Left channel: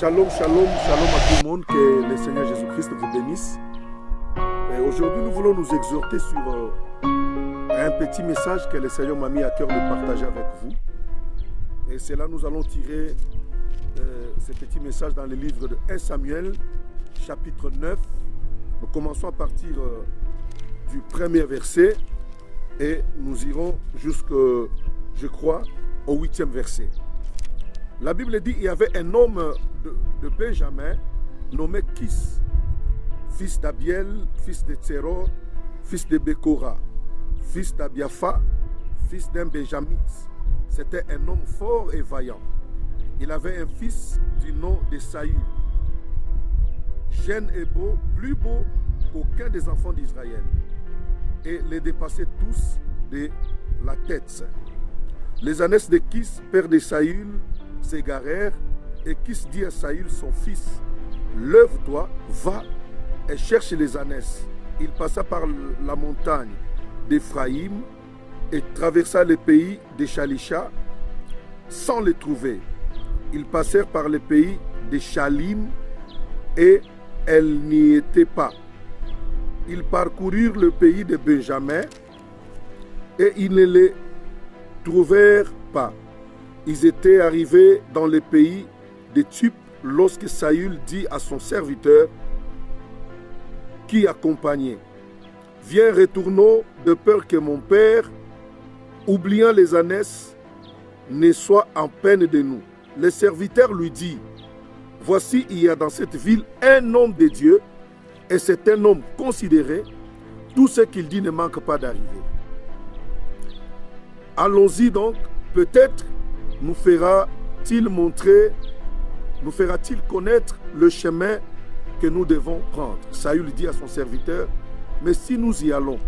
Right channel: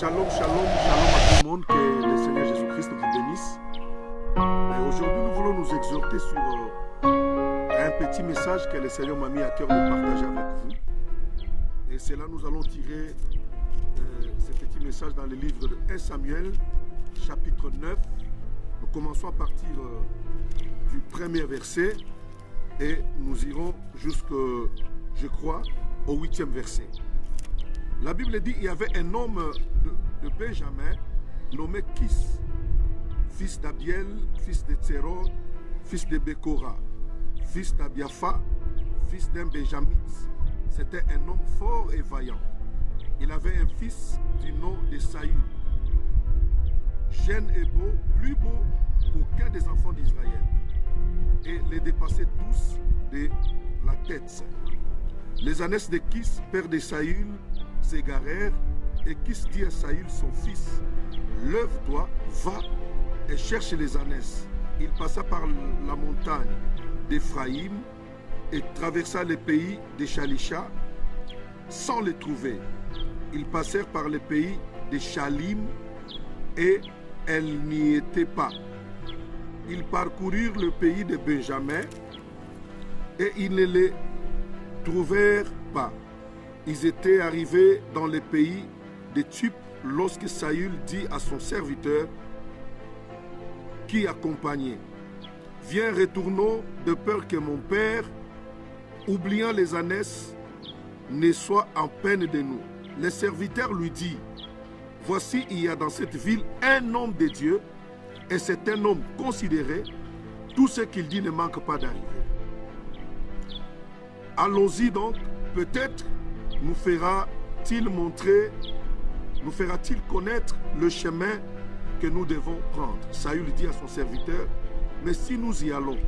Shalom, shalom, shalom à tout le monde, que le Seigneur Jésus-Christ vous bénisse. Et aujourd'hui, nous voulons nous exhorter sur un petit message que le Seigneur m'a mis à cœur de partager avec vous. Et c'est là que nous allons tirer ce petit message dans le livre de 1 Samuel, chapitre 9. Nous commençons à partir du premier verset et nous irons jusqu'au, je crois, au 8e verset. La Bible dit qu'il y avait un homme de Benjamin nommé Kis, fils d'Abiel, fils de Tseror, fils de Bekora, fils d'Abiapha, fils d'un Benjamite. C'était un homme fort et vaillant. Il avait un fils du nom de Saül, jeune et beau, plus beau qu'aucun des enfants d'Israël, et les dépassait tous de la tête. Les ânesses de Kis, père de Saül, s'égarèrent, et Kis dit à Saül, son fils, « Lève-toi, va et cherche les ânesses. » Il passa par la montagne d'Éphraïm et traversa le pays de Shalisha sans les trouver. Ils passèrent par le pays de Shalim et elles n'y étaient pas. Ils parcoururent le pays de Benjamin et ils ne les trouvèrent pas. Ils étaient arrivés dans le pays de Tub lorsque Saül dit à son serviteur qui accompagnait, « Viens, retournons de peur que mon père, oubliant les ânesses, ne soit en peine de nous. » Le serviteur lui dit, « Voici, il y a dans cette ville un homme de Dieu, et c'est un homme considéré. Tout ce qu'il dit ne manque pas d'arriver. Allons-y donc, peut-être nous fera-t-il connaître le chemin que nous devons prendre. » Saül dit à son serviteur, « Mais si nous y allons,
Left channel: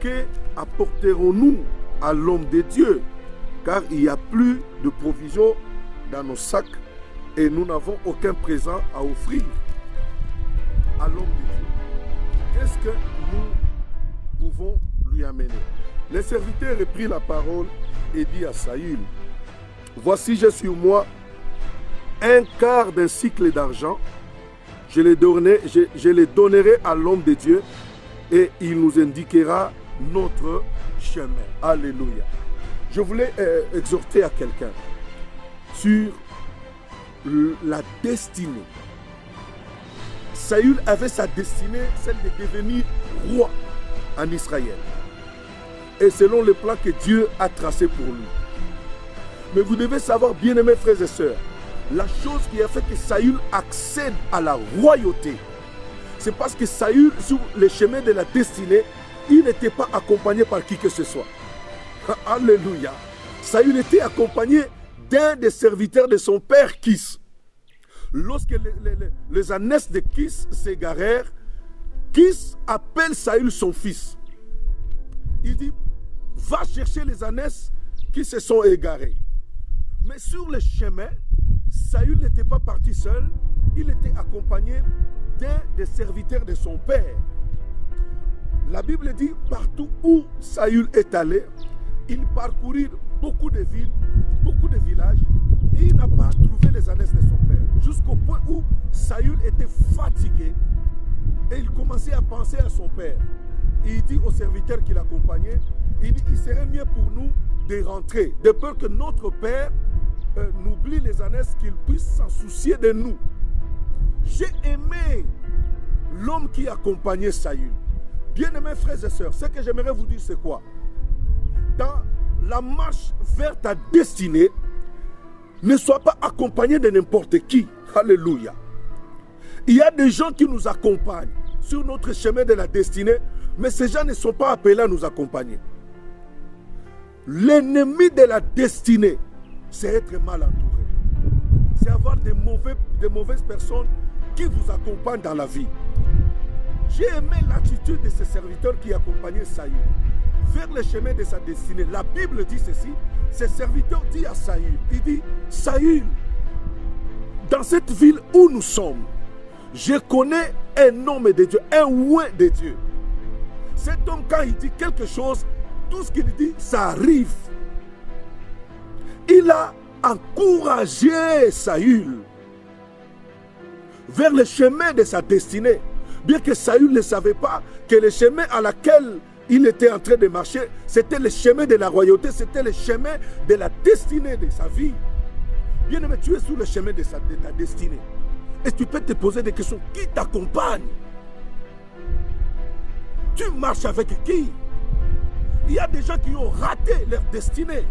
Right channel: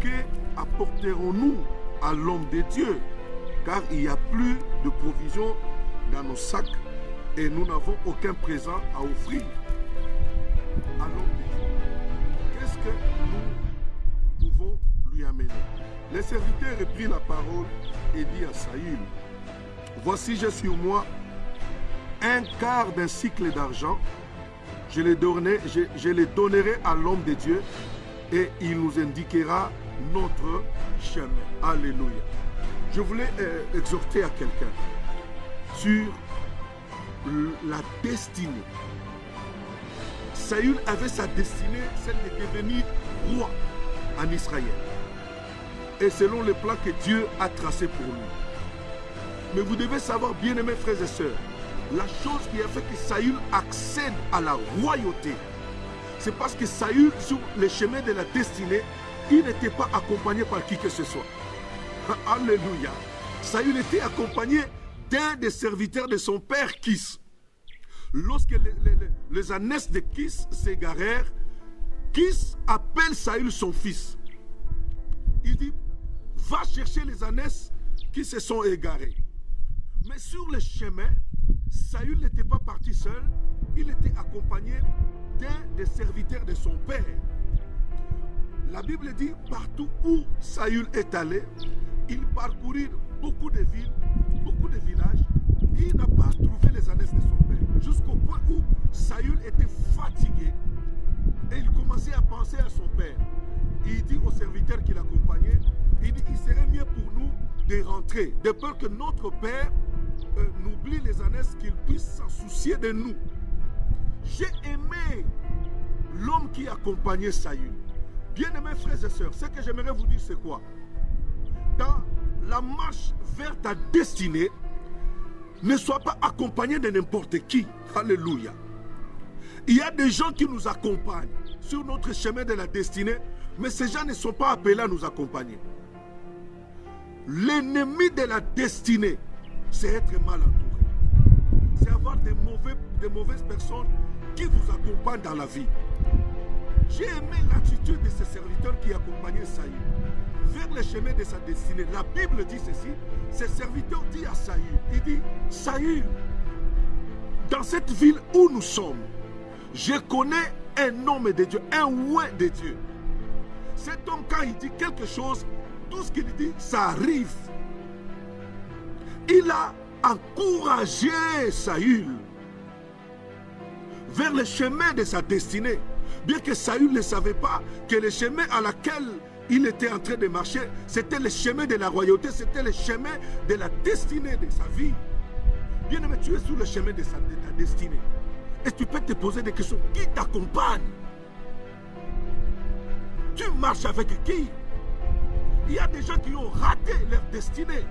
que apporterons-nous à l'homme de Dieu? Car il n'y a plus de provisions dans nos sacs et nous n'avons aucun présent à offrir à l'homme de Dieu. Qu'est-ce que nous pouvons lui amener? » Le serviteur reprit la parole et dit à Saül, « Voici, j'ai sur moi un quart d'un cycle d'argent. Je les donnerai à l'homme de Dieu et il nous indiquera notre chemin. » Alléluia. Je voulais exhorter à quelqu'un sur la destinée. Saül avait sa destinée, celle de devenir roi en Israël. Et selon le plan que Dieu a tracé pour lui. Mais vous devez savoir, bien-aimés frères et sœurs, la chose qui a fait que Saül accède à la royauté, c'est parce que Saül, sur le chemin de la destinée, il n'était pas accompagné par qui que ce soit. Alléluia. Saül était accompagné d'un des serviteurs de son père Kis. Lorsque les ânesses de Kis s'égarèrent, Kis appelle Saül son fils. Il dit, va chercher les ânesses qui se sont égarées. Mais sur le chemin, Saül n'était pas parti seul, il était accompagné d'un des serviteurs de son père. La Bible dit, partout où Saül est allé, il parcourut beaucoup de villes, beaucoup de villages, et il n'a pas trouvé les ânesses de son père. Jusqu'au point où Saül était fatigué, et il commençait à penser à son père. Et il dit au serviteur qui l'accompagnait, il dit, il serait mieux pour nous de rentrer, de peur que notre père n'oublie les ânesses, qu'il puisse s'en soucier de nous. J'ai aimé l'homme qui accompagnait Saül. Bien-aimés frères et sœurs, ce que j'aimerais vous dire, c'est quoi? Dans la marche vers ta destinée, ne sois pas accompagné de n'importe qui. Alléluia. Il y a des gens qui nous accompagnent sur notre chemin de la destinée, mais ces gens ne sont pas appelés à nous accompagner. L'ennemi de la destinée, c'est être mal entouré. C'est avoir de mauvaises personnes qui vous accompagnent dans la vie. J'ai aimé l'attitude de ce serviteur qui accompagnait Saül vers le chemin de sa destinée. La Bible dit ceci, ce serviteur dit à Saül, il dit, Saül, dans cette ville où nous sommes, je connais un homme de Dieu, un oint de Dieu. Cet homme, quand il dit quelque chose, tout ce qu'il dit, ça arrive. Il a encouragé Saül. vers le chemin de sa destinée. Bien que Saül ne savait pas que le chemin à laquelle il était en train de marcher, c'était le chemin de la royauté, c'était le chemin de la destinée de sa vie. Bien aimé, tu es sur le chemin de ta destinée. Et tu peux te poser des questions. Qui t'accompagne? Tu marches avec qui? Il y a des gens qui ont raté leur destinée.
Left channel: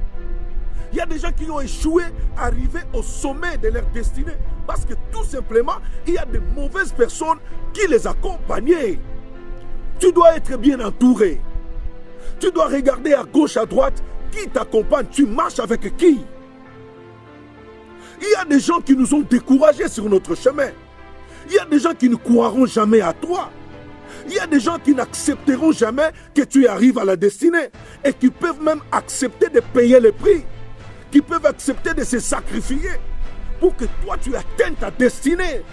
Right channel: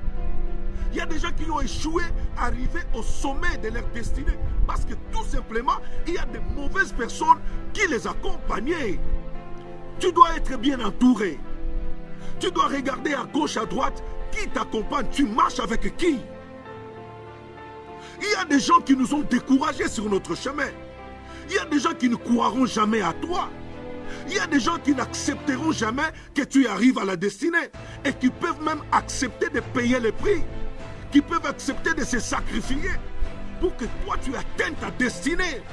Il y a des gens qui ont échoué à arriver au sommet de leur destinée. Parce que tout simplement, il y a de mauvaises personnes qui les accompagnaient. Tu dois être bien entouré. Tu dois regarder à gauche, à droite. Qui t'accompagne? Tu marches avec qui? Il y a des gens qui nous ont découragés sur notre chemin. Il y a des gens qui ne croiront jamais à toi. Il y a des gens qui n'accepteront jamais que tu arrives à la destinée. Et qui peuvent même accepter de payer le prix. Qui peuvent accepter de se sacrifier pour que toi tu atteignes ta destinée.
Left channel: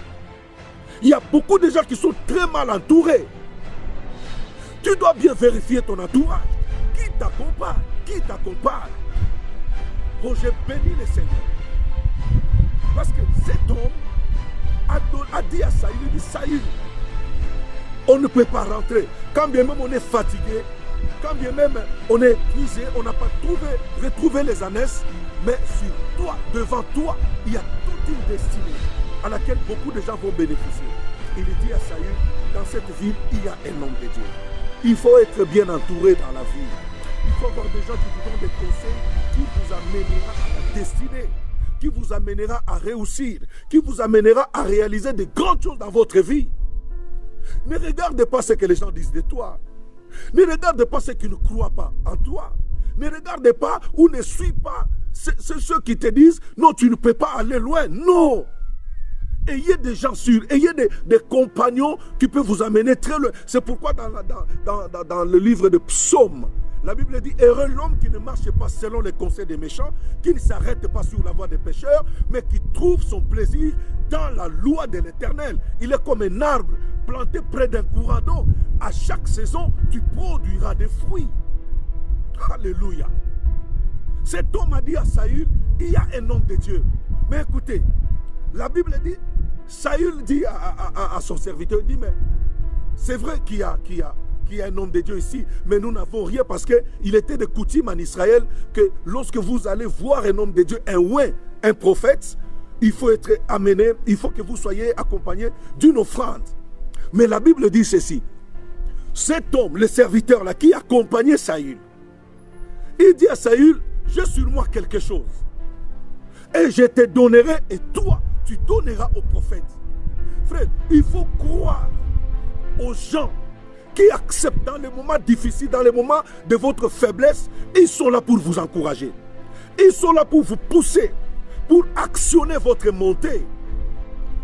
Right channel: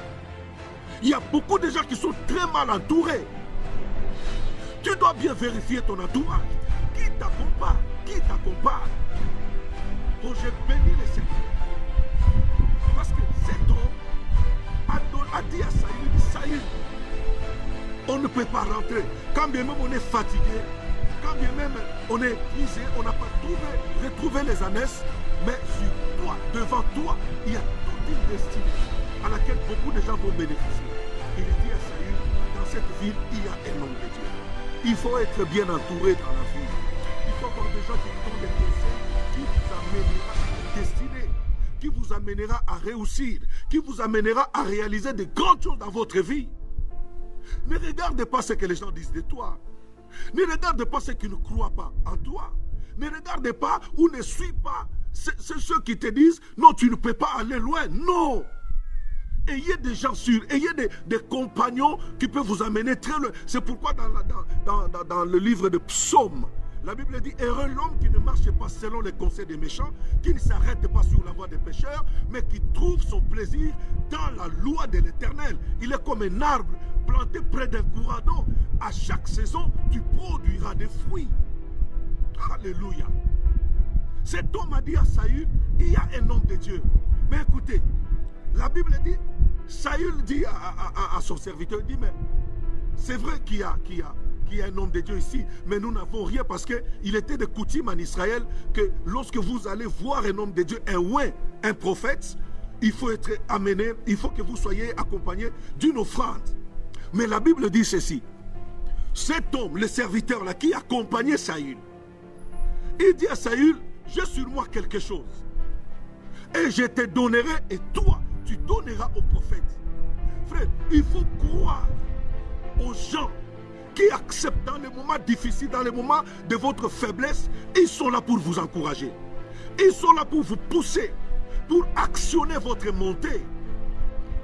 Il y a beaucoup de gens qui sont très mal entourés. Tu dois bien vérifier ton entourage. Qui t'accompagne? Qui t'accompagne? Oh, je bénis le Seigneur. Parce que cet homme a dit à Saül, il dit Saül, on ne peut pas rentrer. Quand bien même on est fatigué, quand bien même on est épuisé, on n'a pas retrouvé les ânesses, mais sur toi, devant toi, il y a toute une destinée à laquelle beaucoup de gens vont bénéficier. Il dit à Saül, dans cette ville, il y a un homme de Dieu. Il faut être bien entouré dans la vie. Il faut avoir des gens qui vous donnent des conseils qui vous amènera à la destinée, qui vous amènera à réussir, qui vous amènera à réaliser de grandes choses dans votre vie. Ne regarde pas ce que les gens disent de toi. Ne regarde pas ceux qui ne croient pas en toi. Ne regarde pas ou ne suis pas ceux qui te disent non, tu ne peux pas aller loin. Non. Ayez des gens sûrs, ayez des compagnons qui peuvent vous amener très loin. C'est pourquoi dans le livre de Psaumes, la Bible dit, heureux l'homme qui ne marche pas selon les conseils des méchants, qui ne s'arrête pas sur la voie des pécheurs, mais qui trouve son plaisir dans la loi de l'Éternel. Il est comme un arbre planté près d'un courant d'eau. À chaque saison, tu produiras des fruits. Alléluia. Cet homme a dit à Saül, il y a un homme de Dieu. Mais écoutez, la Bible dit, Saül dit à son serviteur, il dit, mais c'est vrai qu'il y a un homme de Dieu ici, mais nous n'avons rien parce qu'il était de coutume en Israël que lorsque vous allez voir un homme de Dieu, un prophète, il faut être amené, il faut que vous soyez accompagné d'une offrande. Mais la Bible dit ceci, cet homme, le serviteur là, qui accompagnait Saül, il dit à Saül, j'ai sur moi quelque chose, et je te donnerai, et toi, tu donneras au prophète. Frère, il faut croire aux gens qui acceptent dans les moments difficiles, dans les moments de votre faiblesse, ils sont là pour vous encourager. Ils sont là pour vous pousser, pour actionner votre montée.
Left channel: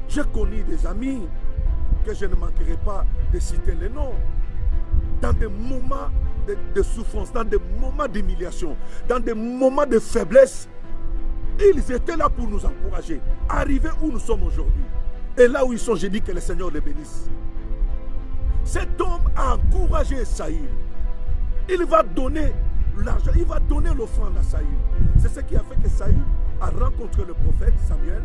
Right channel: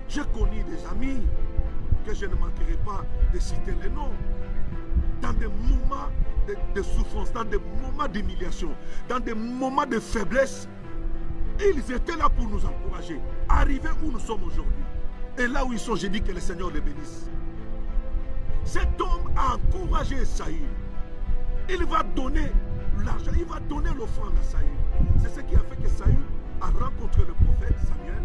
J'ai connu des amis que je ne manquerai pas de citer les noms. Dans des moments de souffrance, dans des moments d'humiliation, dans des moments de faiblesse, ils étaient là pour nous encourager. Arriver où nous sommes aujourd'hui. Et là où ils sont, j'ai dit que le Seigneur les bénisse. Cet homme a encouragé Saül. Il va donner l'argent, il va donner l'offrande à Saül. C'est ce qui a fait que Saül a rencontré le prophète Samuel.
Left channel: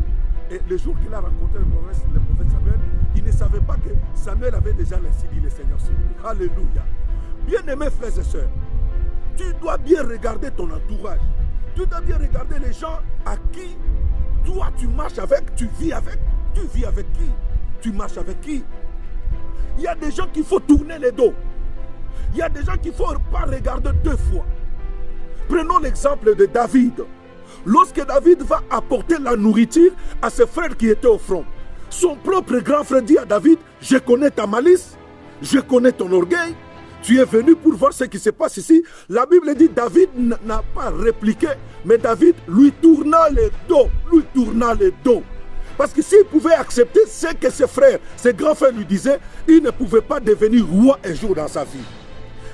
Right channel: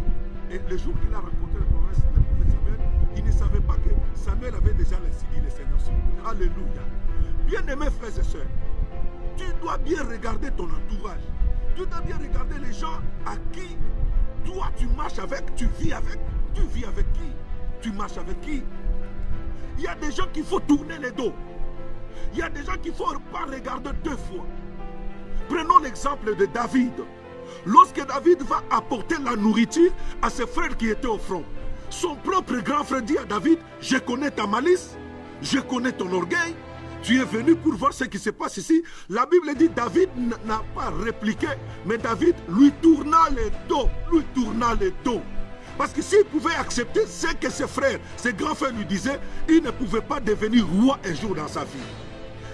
Et le jour qu'il a rencontré le prophète Samuel, il ne savait pas que Samuel avait déjà laissé dit le Seigneur sur lui. Alléluia. Bien-aimés frères et sœurs, tu dois bien regarder ton entourage. Tu dois bien regarder les gens à qui toi tu marches avec, tu vis avec. Tu vis avec qui? Tu marches avec qui? Il y a des gens qu'il faut tourner les dos. Il y a des gens qu'il ne faut pas regarder deux fois. Prenons l'exemple de David. Lorsque David va apporter la nourriture à ses frères qui étaient au front, son propre grand frère dit à David, je connais ta malice, je connais ton orgueil, tu es venu pour voir ce qui se passe ici. La Bible dit David n'a pas répliqué, mais David lui tourna les dos. Parce que s'il pouvait accepter ce que ses frères, ses grands frères lui disaient, il ne pouvait pas devenir roi un jour dans sa vie.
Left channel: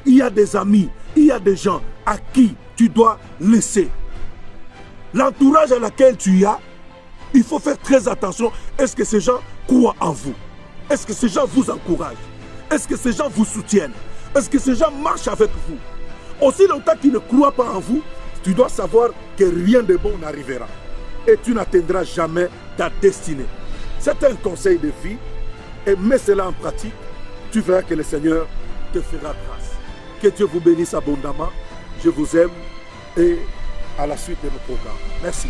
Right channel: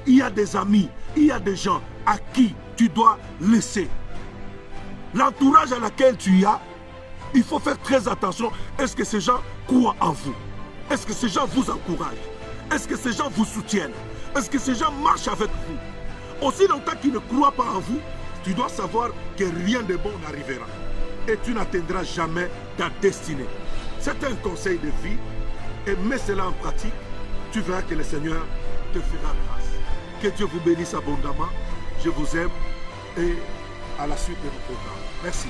Il y a des amis, il y a des gens à qui tu dois laisser. L'entourage à laquelle tu as, il faut faire très attention. Est-ce que ces gens croient en vous? Est-ce que ces gens vous encouragent? Est-ce que ces gens vous soutiennent? Est-ce que ces gens marchent avec vous? Aussi longtemps qu'ils ne croient pas en vous, tu dois savoir que rien de bon n'arrivera. Et tu n'atteindras jamais ta destinée. C'est un conseil de vie et mets cela en pratique. Tu verras que le Seigneur te fera grâce. Que Dieu vous bénisse abondamment. Je vous aime et à la suite de nos programmes. Merci.